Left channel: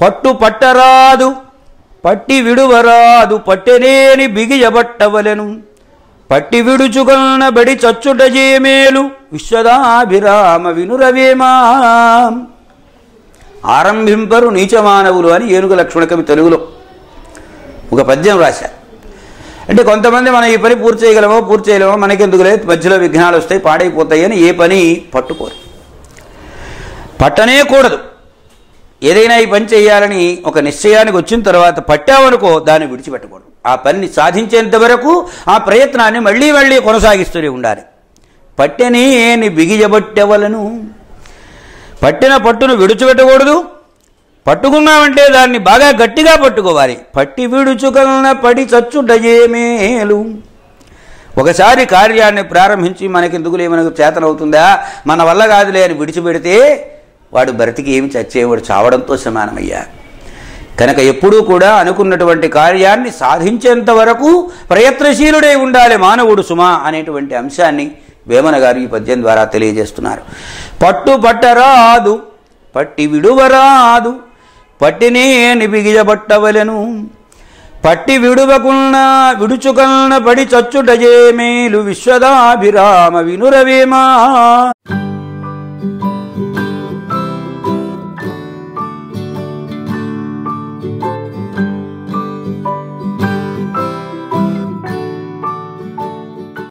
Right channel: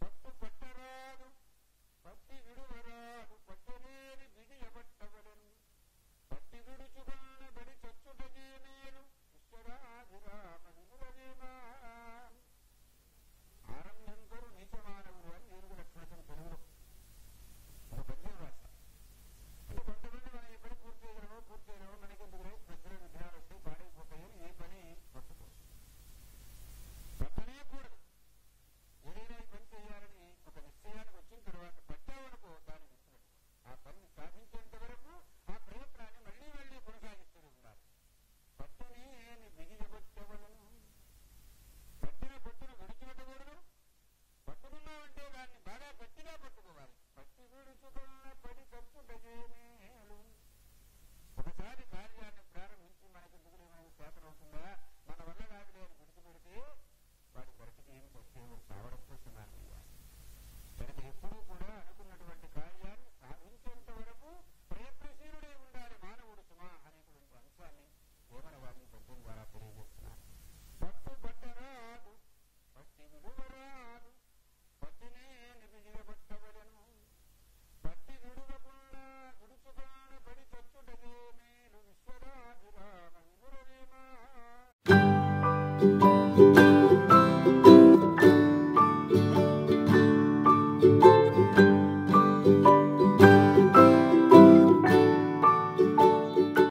పట్టు పట్టరాదు పట్టి విడువరాదు పట్టెనేని బిగియబట్టవలెను పట్టి విడుచుకొన్న బడి చచ్చుట జేమేలు విశ్వదాభిరామ వినురవేమా. ఆరంభింపరు నీచమానవులు అని ఏనుగు లక్ష్మణ కవి తెలుగులో ఒక పద్యం రాశారు. అంటే కొంతమంది మనం ఈ పని పూర్తి చేయగలమో మనకెందుకు లేదు, మధ్యలో విఘ్నాలు వస్తాయి, పాడైపోతాయి అని ఏ పని పట్టుకోరు, పట్టనే కూడదు. ఏదైనా ఈ పని చేయాలని ఒక నిశ్చయానికి వచ్చిన తర్వాత పట్టావనుకో దాన్ని విడిచిపెట్టకూడదు. ఆ పనిని సాధించేంత వరకు ఆ ప్రయత్నాన్ని మళ్ళీ మళ్ళీ కొనసాగిస్తూనే ఉండాలి. పట్టెనేని బిగియబట్టెవలను, పట్టిన పట్టును విడిచిపెట్టకూడదు. పట్టుకున్నామంటే దాన్ని బాగా గట్టిగా పట్టుకోవాలి. పట్టి విడుచుకలన పడి చచ్చుటయేమేలు. ఒకసారి కార్యాన్ని ప్రారంభించి మనకెందుకులే, మనకు చేతనవుతుందా, మన వల్ల కాదులే అని విడిచిపెడితే వాడు బ్రతికి ఏమి చచ్చేవాడు చావడంతో సమానమయ్యా. కనుక ఎప్పుడూ కూడా అనుకున్నటువంటి కార్యాన్ని సాధించేంత వరకు ప్రయత్నశీలుడై ఉండాలి మానవుడు సుమా అనేటువంటి అంశాన్ని వేమన గారు ఈ పద్యం ద్వారా తెలియజేస్తున్నారు. పట్టు పట్టరాదు పట్టి విడువరాదు పట్టినేని బిగియబట్టవలెను పట్టి విడుచుకన్న పడి చచ్చుటజేమేలు విశ్వదాభిరామ వినురవేమా.